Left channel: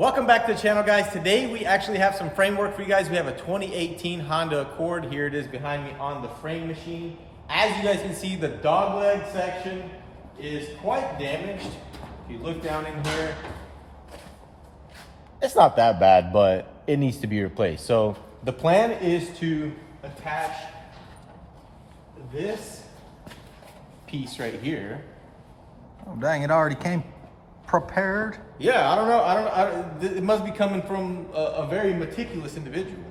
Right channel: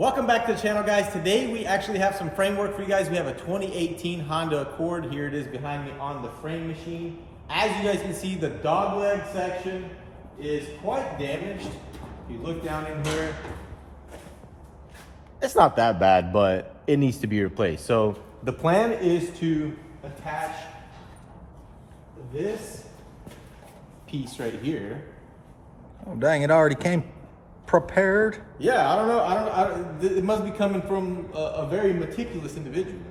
Welcome back to the channel, guys. Today we actually have some framework for you guys. We have a 2018 Honda Accord. Here it is behind me on the frame machine. As you guys can see, the dogleg section is quite damaged. If you look down in here, it's not that bad, but it needs to be replaced. So the plan is to attach this piece right here. Oh dang, it already came prepared. Yeah, I don't know. It must be coming from a very meticulous individual.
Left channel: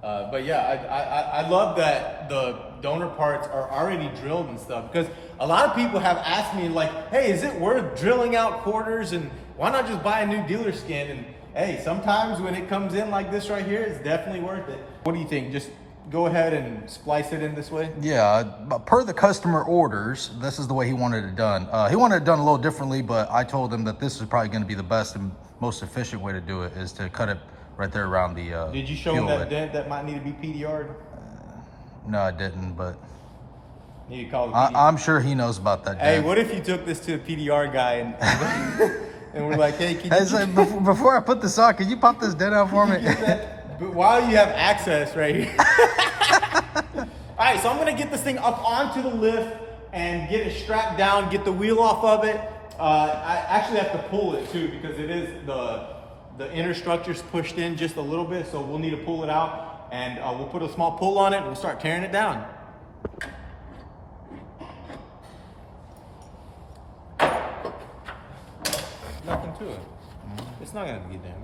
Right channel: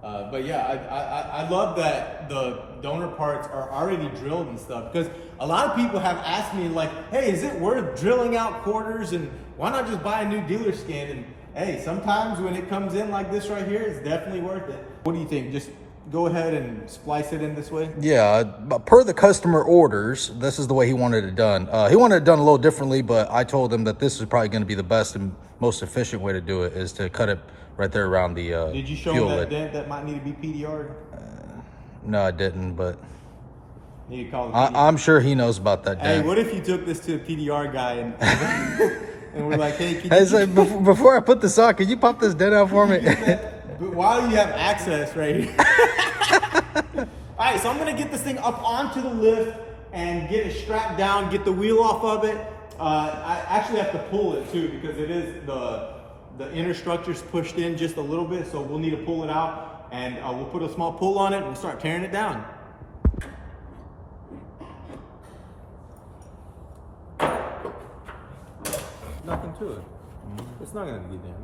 But yeah, I love that the donor parts are already drilled and stuff, because a lot of people have asked me like, hey, is it worth drilling out quarters, and why not just buy a new dealer skin? And hey, sometimes when it comes in like this right here, it's definitely worth it. What do you think? Just go ahead and splice it in this way? Yeah, but per the customer orders, this is the way he wanted it done. He wanted it done a little differently, but I told him that this is probably going to be the best and most efficient way to do it, is to cut it right there around the Did you show him that dent that might need to be PDR'd? No, I didn't, but need to call the I'm sure he knows about that dent. Hey, what if you took this to a PDR guy and and we're like, hey, before I put this on, can you pop this dent out for me? But while you have access right here. All right, so I'm gonna get this thing up onto the lift and get it strapped down, get the wheel off of it. I actually have to pull it too, because it is the inner structure's pushed in just a little bit, so we'll need to pull it out, and we'll put a small pull on it and we'll start tearing it down. Nothing to it. It's not gonna be damaged.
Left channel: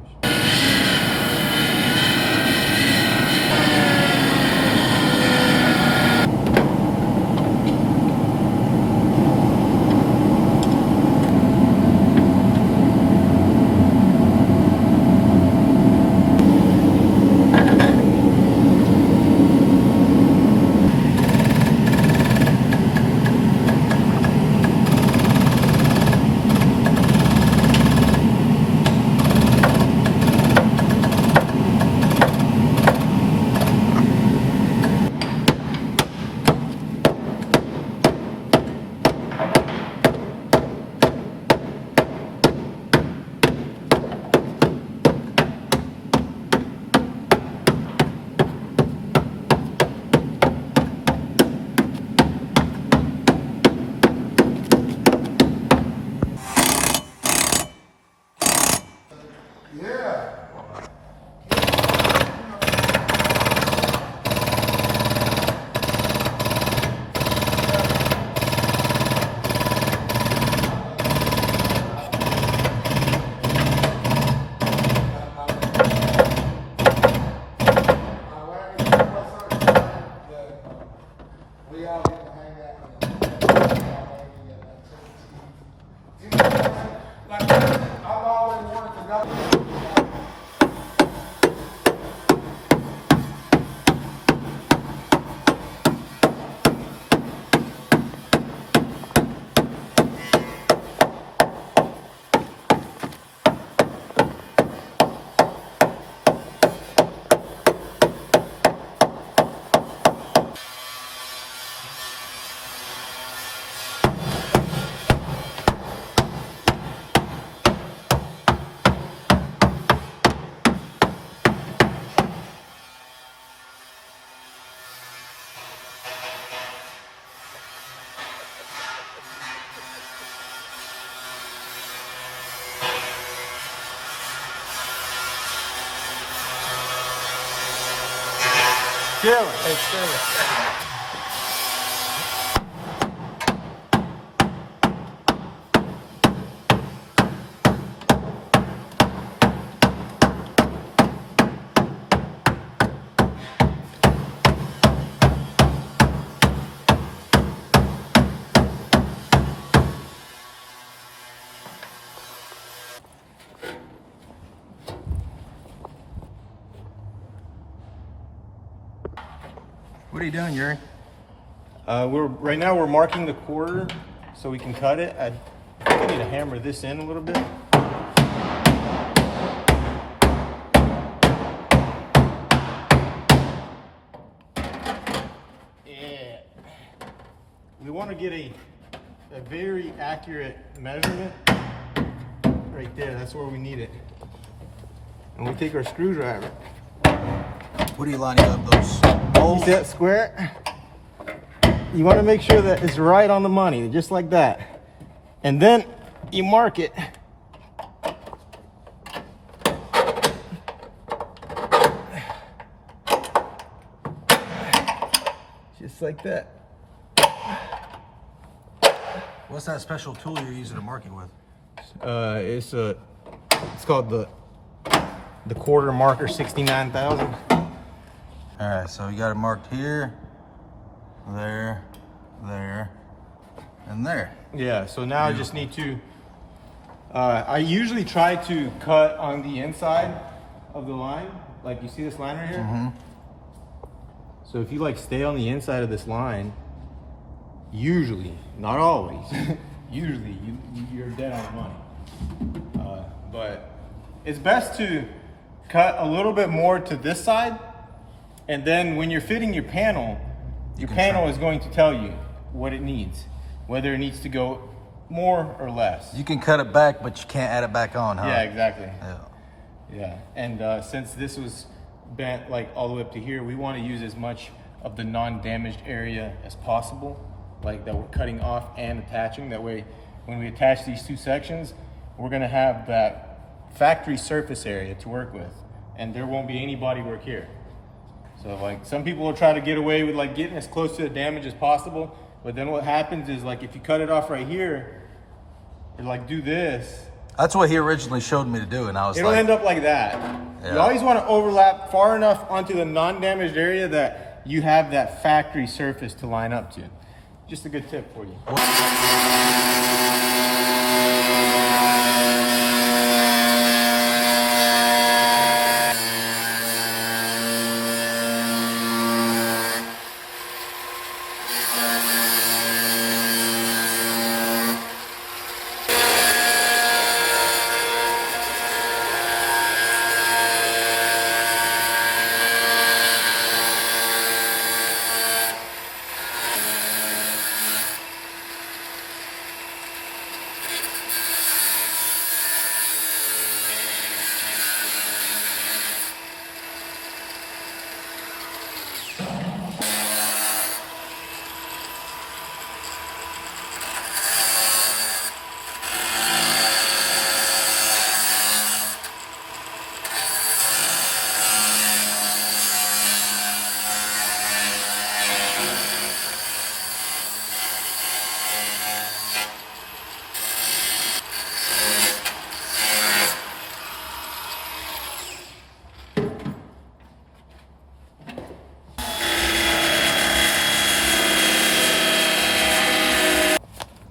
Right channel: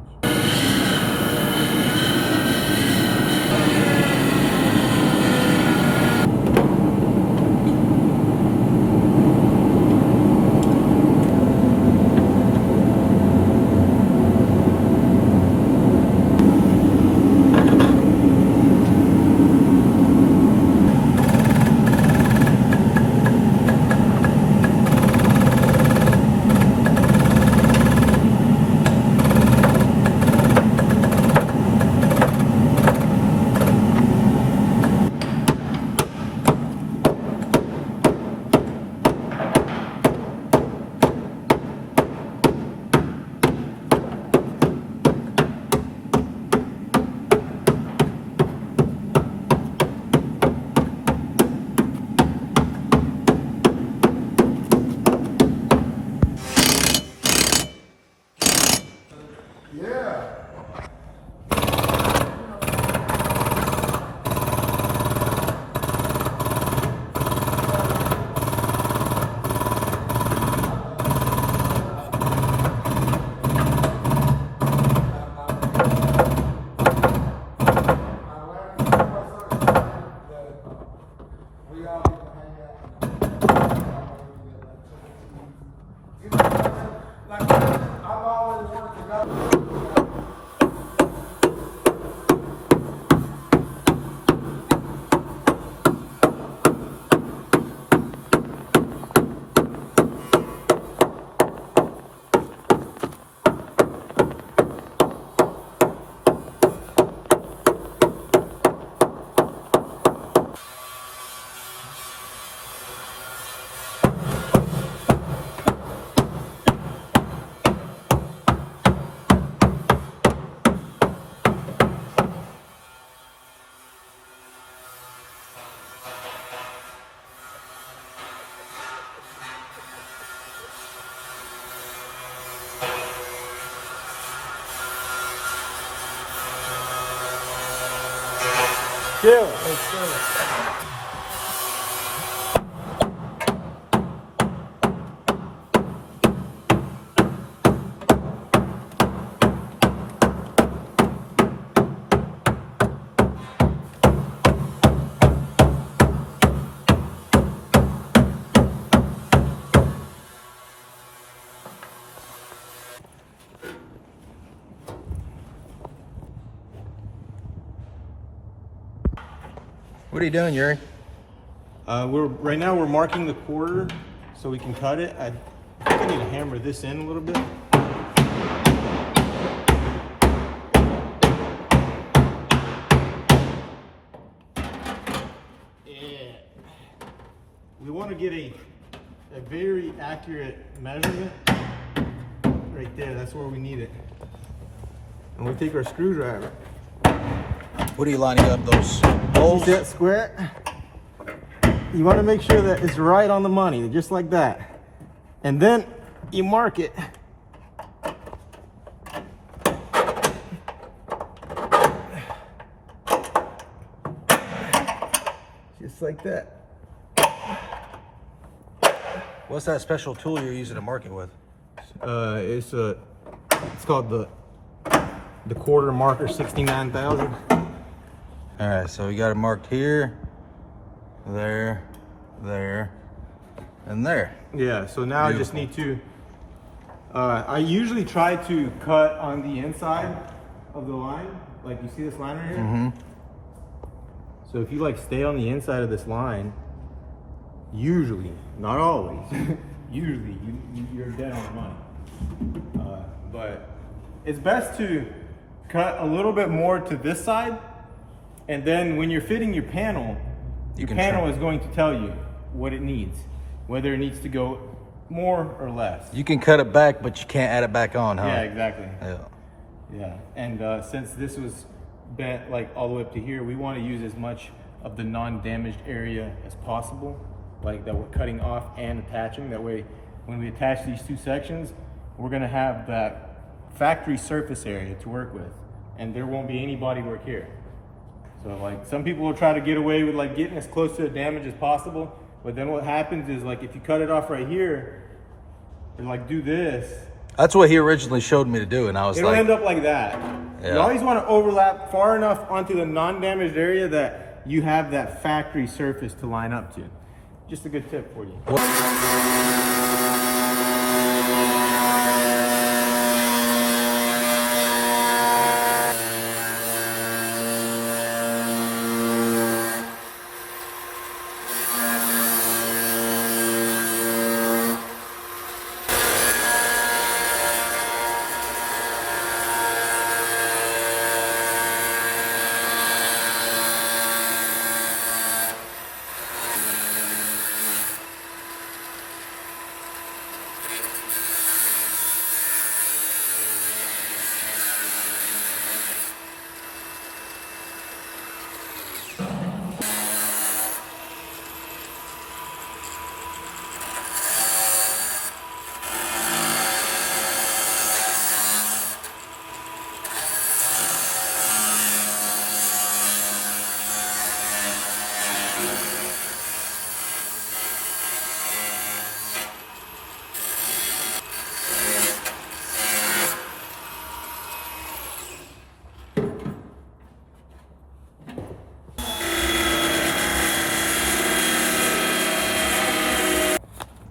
Killer. Hey, killer. What are you doing, Yuri? Right now we're marking the quarter so we can cut it. I think I need to hammer this in a little bit. we want to get a very accurate measurement right there. That's where we need it. And we take our screwdriver. What are you lining up those See holes? that square? You want to make sure that it's right on the money, just like that. And then you mark it. Just like that. What's that special tool you're using to mark it with? It's called the quarter marker 69,000. All right, so we got it marked here, there, there, and there. Yeah, so now I just Beautiful. need to, I usually try to cut on the inside of the line. Like you see this line right here? Mm-hmm. So if you like stay on the inside of this line, usually, not always, usually you're dead on the money. But it's best to cut a little bit more to this side, and then when you're fitting your panel is going to tell you what it needs, whether it needs to go more or less. You can cut it back, but you can't add it back on, huh? Yeah, exactly. Yeah. Yeah, and since this was bent like all the way up to here, we want to use as much of the non-damaged area as possible, like that we're cutting off and attaching. That way, when we attach these two sections, we're gonna have that factory surface area to work with, and there won't be any body work here. So like some people will try to get away with like getting as close to the damage as possible, but then what happens is like if you cut it off right here and like do this, That's what he originally showed me to do, and I was it'll like, end up like that. Yeah. You always want to overlap far enough onto the non-damaged area that you have that factory surface to line up to. Just a good tip for you.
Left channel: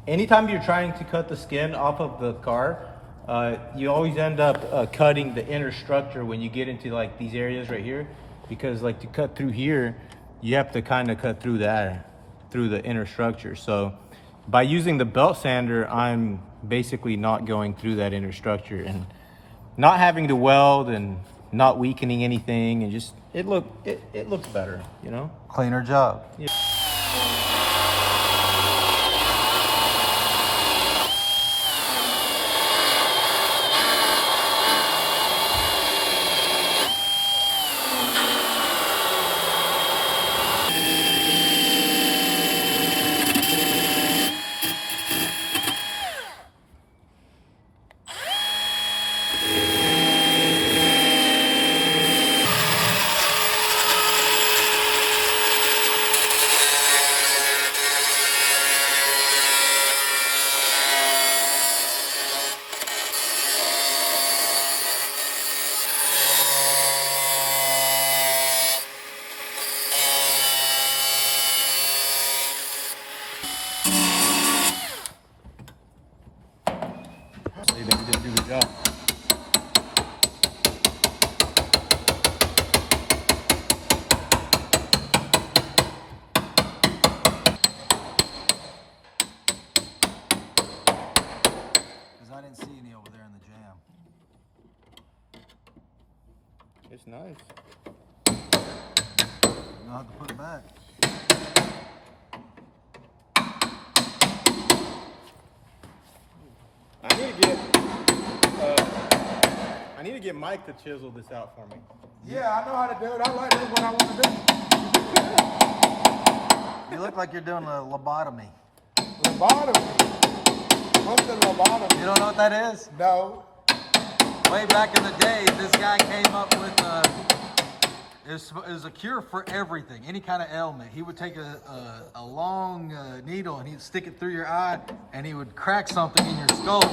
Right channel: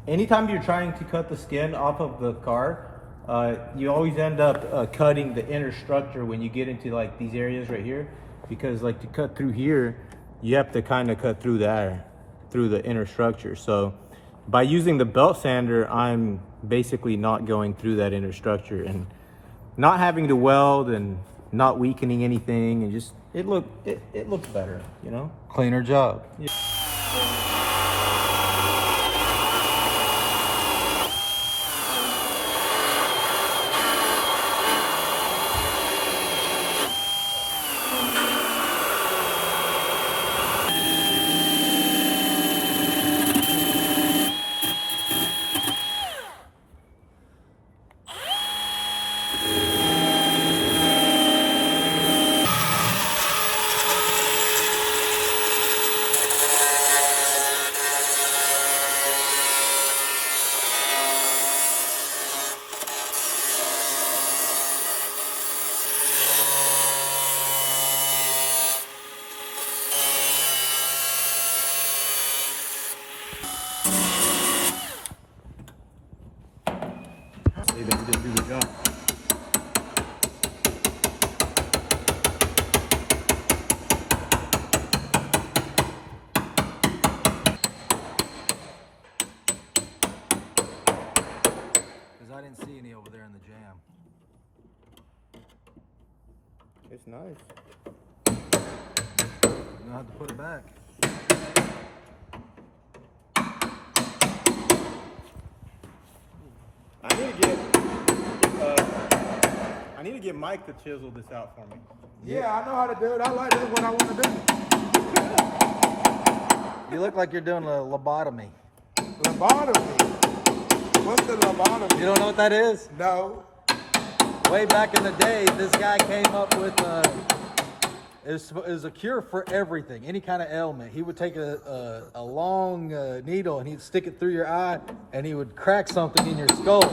Anytime you're trying to cut the skin off of the car, you always end up cutting the inner structure when you get into like these areas right here, because like to cut through here, you have to kind of cut through that, through the inner structure. So by using the belt sander, I'm basically not going through that inner structure and not having to weld and not weakening anything, and just it looks better, you know? cleaner job. Yeah. They did a good job. Because I didn't see any over there in the jam. It's nice. You don't have to put it back. to get Mike to chisel this out for me. Yeah, I know how to do it. I like doing what I want to do. You look like you're doing a lobotomy. Lobotomy. What's the lobotomy? You don't know what that is? No. Way back in the day, this guy came up with it was a cure for everything, any kind of ailment. He would take a long needle and he'd stick it through your eye and he would crack something in your skull.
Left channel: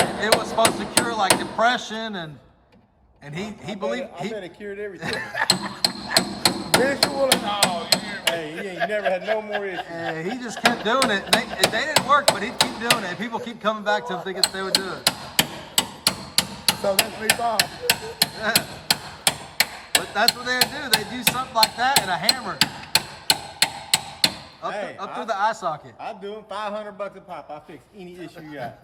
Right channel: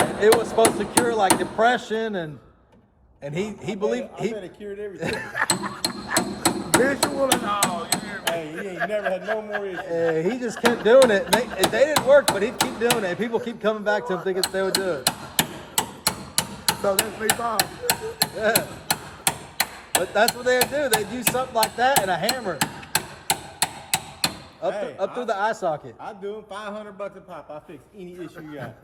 And it was supposed to cure like depression and he believed I bet it cured everything. Visual and all. Hey, he ain't never had no more issues. he just kept doing it. They didn't work, but he'd keep doing it. People keep coming back to him thinking they would do it. So that's me fine. Yeah. But that's what they do. They do something like that and a hammer. Up through the eye socket. I do them $500 a pop. I fix any issue you got.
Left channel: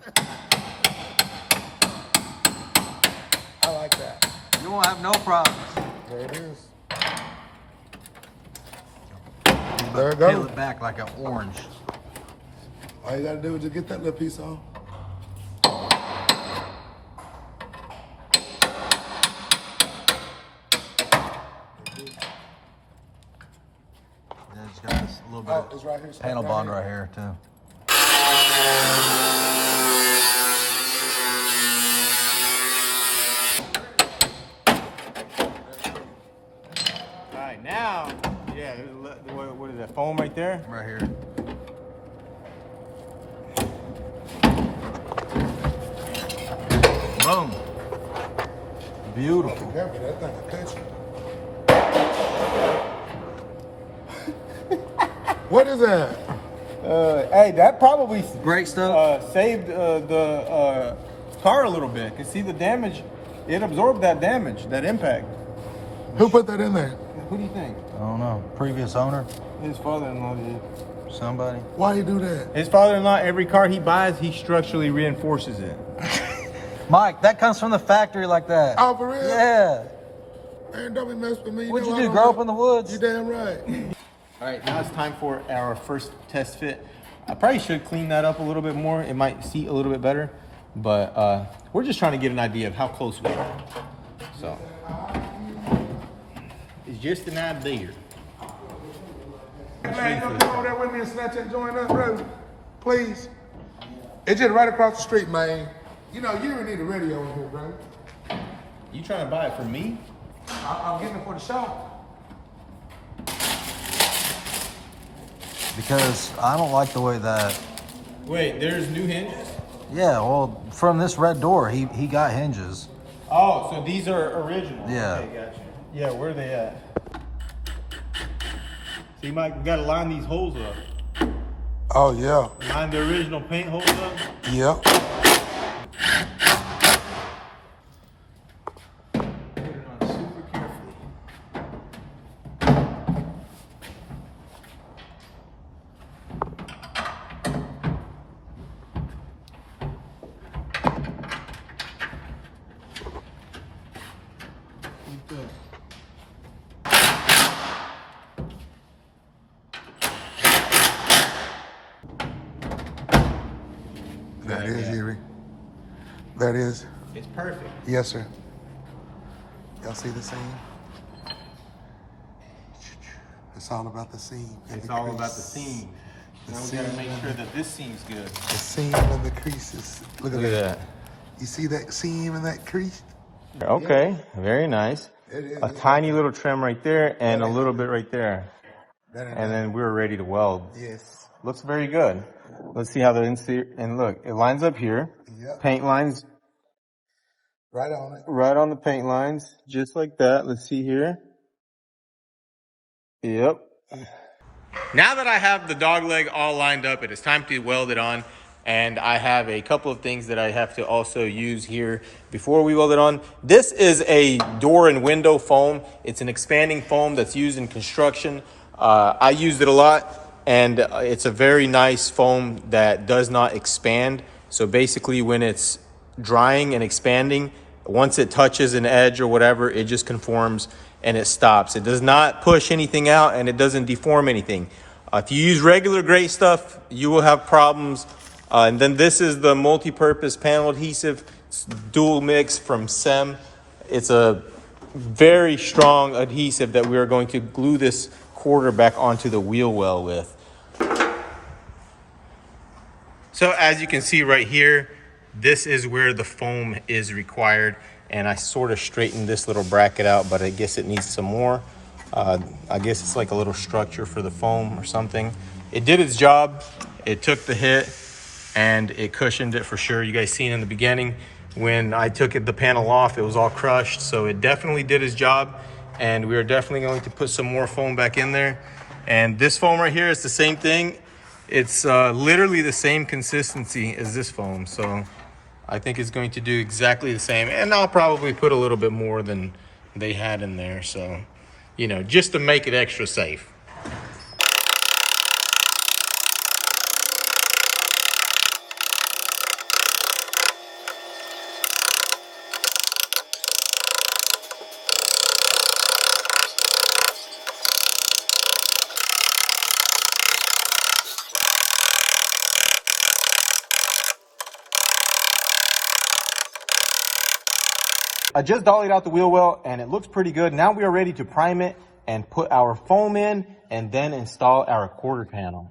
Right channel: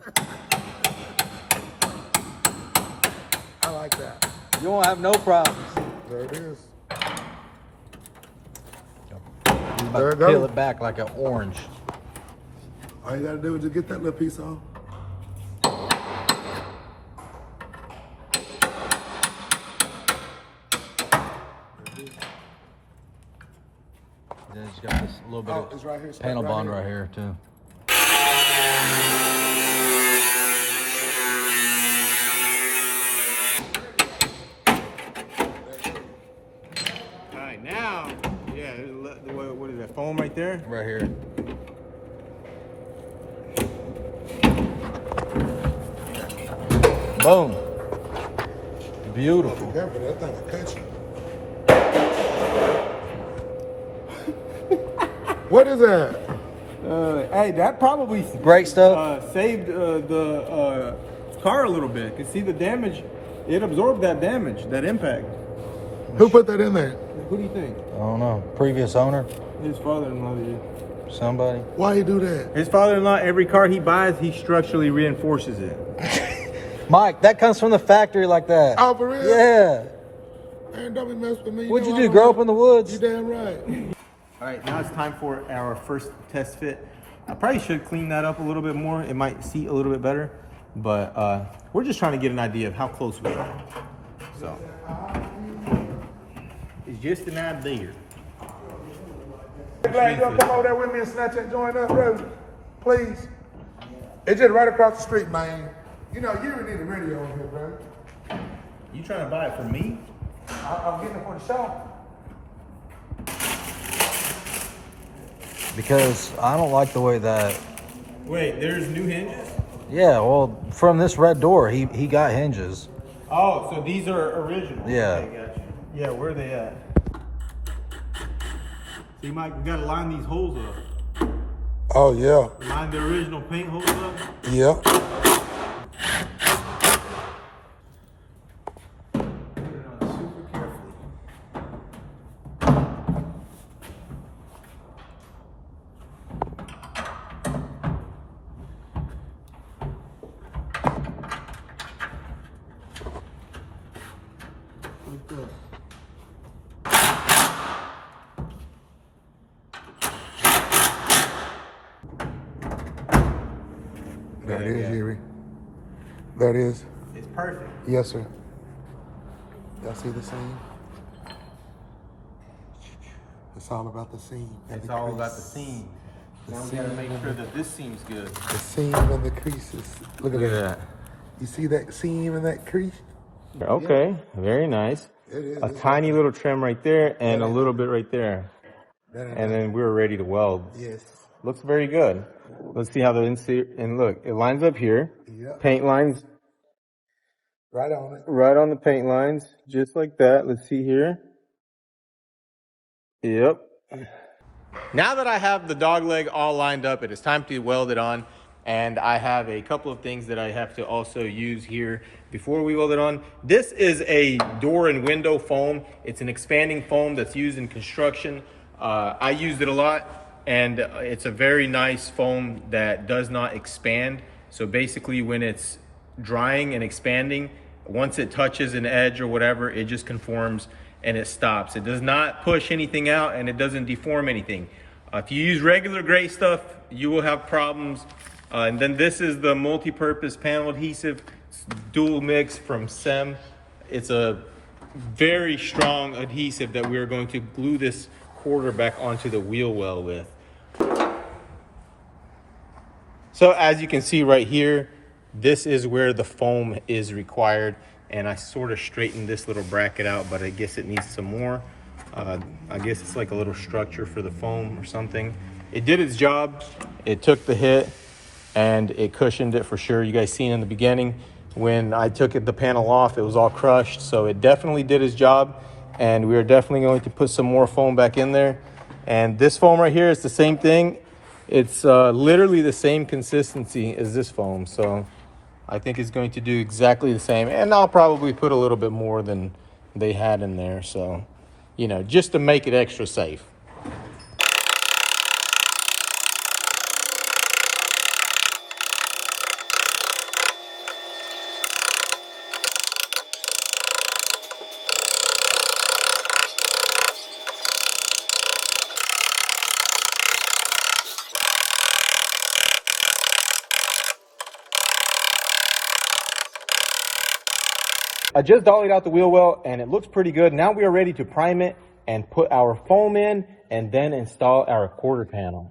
I like that. You won't have no problems. There it is. You're about There to it goes. peel it back like an orange. All you gotta do is just get that little piece on. Then it's got this little bit It's right here, of it's panel right bond here. right here too. All right, now, yeah, what is that, foam right there? Right here. Boom. Beautiful. Careful, that thing will catch you. What is that? Hey, that probably Great stuff. saved the car a little bit. Cause see the damage, it absorbed that damage, that impact. Who put that in there? What do you think? I don't know. Previous owner? His father-in-law did. Somebody? Why you do that? His father-in-law, every car he buys, he structurally reinforces it. Mike, that comes from the factory like that. Oh, for real? Yeah. Man, don't be messing with me. What'd know you I do, don't grow know. up in the woods? You damn right. All right, now it's time for our first test fit. I probably should clean that up a little bit more. It might seat a little bit better, but we're just trying to get an idea of how close we are. So, it's just an idea. Glad you'll come over there with me and snatch that joint up, bro. Please. It's just right across the street, man. You know, you don't need a radio in here, bro. You trying to buy it from me? I'm getting it for the shop. Because I don't like the way that. Wait, there's new hinges? Yeah, well, from this red door, he got hinges. Oh, so these are original. Yeah. Okay, gotcha. Yeah, where are they at? So you might gotta line these holes up. Oh, yeah. Line the original paint holes up. Yeah. Put it on super carefully. Like that. There it is, Erie. There it is. It's perfect. Yes, sir. Y'all see the seam? It's all about the seam. And It's the all about the crease. seam. The Now we seam gotta make and sure that this seam's good. The seam and the creases. Look at that. You see that seam and that crease? Okay, very nice. It is. A tiny little trim right there and a little bit right there. And then we're ready to weld. Yes. Looks very good. Let's see how the interior, and look, it lines up here. Yep. Paint lines Right on it. right on the paint lines, just like that. Let's see here. Yep. Now that I have the dog leg all lined up, it is time to weld it on. And I have a couple of things that I have to also use here before we weld it on. This is a door and window foam. It's an expanding foam that's used in construction. I used it a lot, and it's a very nice foam that does not expand. So basically when it's drying and expanding, once it touches an edge or whatever, it just conforms and it stops. It does not push anything out and it doesn't deform anything. If you use regular gray stuff, you will have problems. And then this is the multi-purpose panel adhesive. dual mix from SEM. It's a very strong adhesive that we are going to glue this quarter back onto the wheel well with. So as you can see right here, this is where the foam is required, and I sort of straightened this little bracket out, but I guess it needs some more. I guess it's like a little structure for the foam or something. It did its job. It took the hit and it cushioned it for sure. You guys seen in the beginning when I took the panel off, it was all crushed. So it definitely did its job, and we are definitely going to put some more foam back in there. And this foam right here is the same thing. It's literally the same consistency as this foam. So I think it's going to do exactly the same. And I'll probably put a little bit more than they had in there. So, you know, just to make it extra safe. I just dollied out the wheel well and it looks pretty good. Now we are ready to prime it and put our foam in and then install our quarter panel.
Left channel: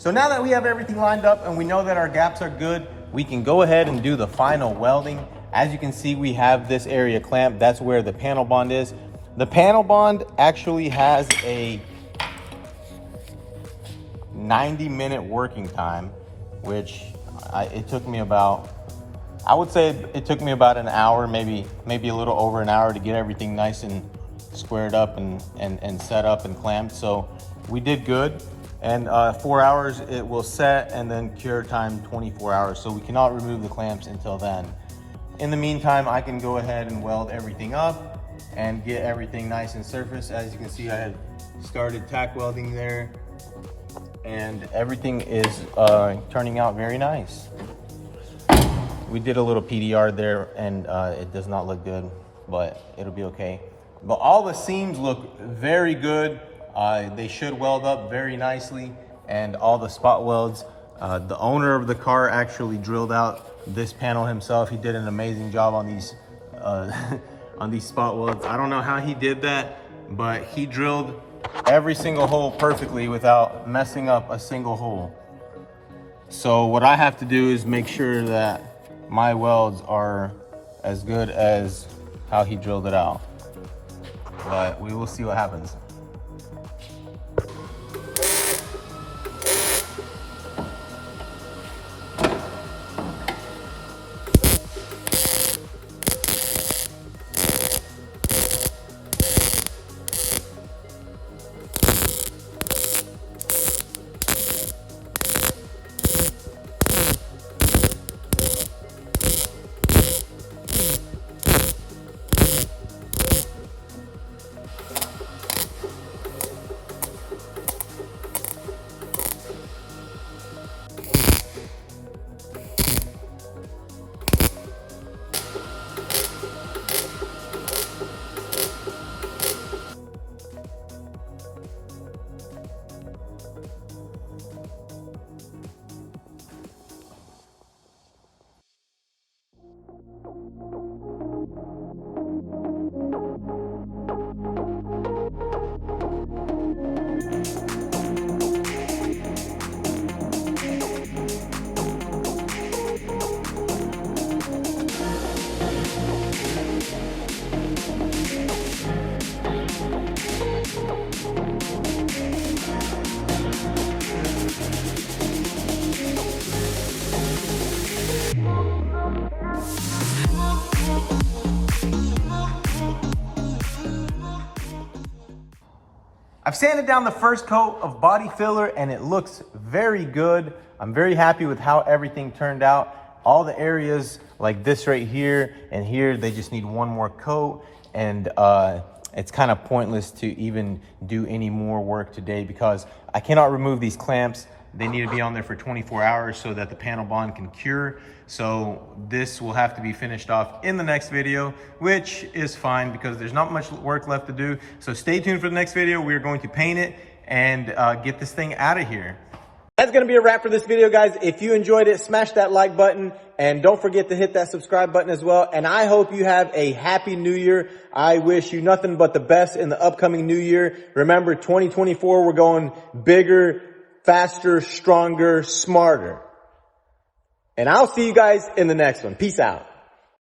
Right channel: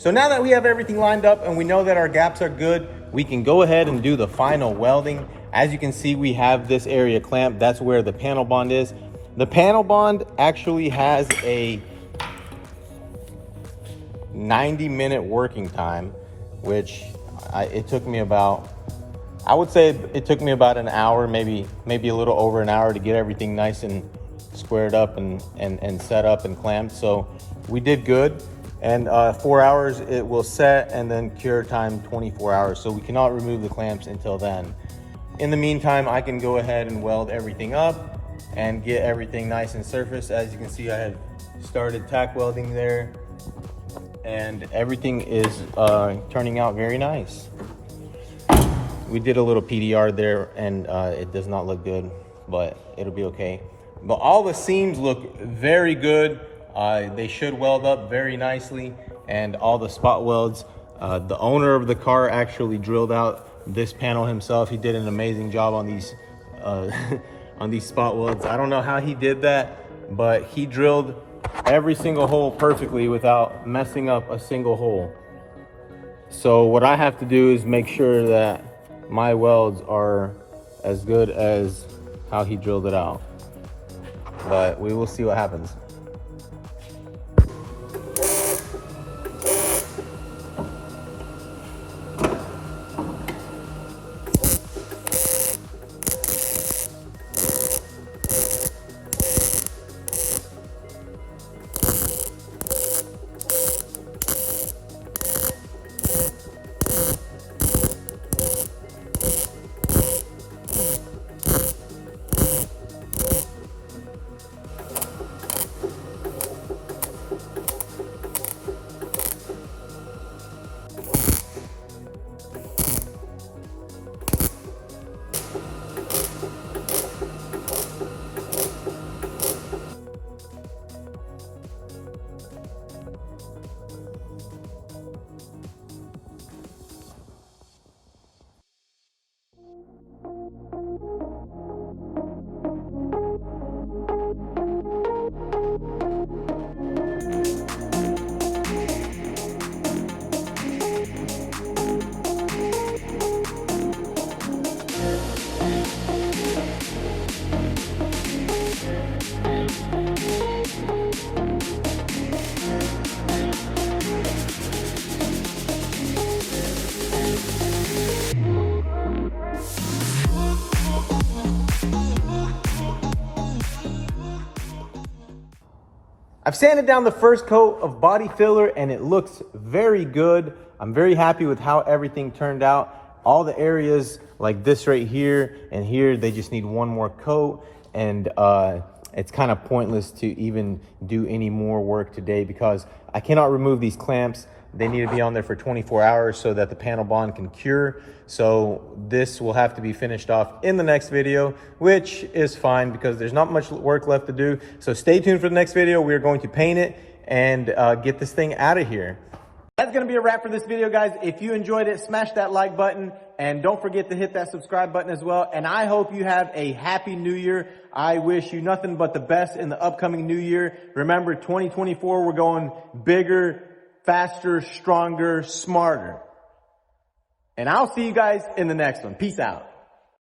So now that we have everything lined up and we know that our gaps are good, we can go ahead and do the final welding. As you can see, we have this area clamped. That's where the panel bond is. The panel bond actually has a 90-minute working time, which it took me about, I would say it took me about an hour, maybe a little over an hour to get everything nice and squared up and set up and clamped. So we did good. And 4 hours it will set, and then cure time 24 hours. So we cannot remove the clamps until then. In the meantime, I can go ahead and weld everything up and get everything nice and surfaced. As you can see, I had started tack welding there, and everything is turning out very nice. We did a little PDR there, and it does not look good, but it'll be okay. But all the seams look very good. They should weld up very nicely, and all the spot welds. The owner of the car actually drilled out this panel himself. He did an amazing job on these on these spot welds. I don't know how he did that, but he drilled every single hole perfectly without messing up a single hole. So what I have to do is make sure that my welds are as good as how he drilled it out. But we will see what happens. I've sanded down the first coat of body filler and it looks very good. I'm very happy with how everything turned out. All the areas like this right here and here, they just need one more coat, and it's kind of pointless to even do any more work today because I cannot remove these clamps. They need to be on there for 24 hours so that the panel bond can cure. So this will have to be finished off in the next video, which is fine because there's not much work left to do. So stay tuned for the next video. We are going to paint it and get this thing out of here. That's going to be a wrap for this video, guys. If you enjoyed it, smash that like button and don't forget to hit that subscribe button as well. And I hope you have a happy new year. I wish you nothing but the best in the upcoming new year. Remember, 2024, we're going bigger, faster, stronger, smarter. And I'll see you guys in the next one. Peace out.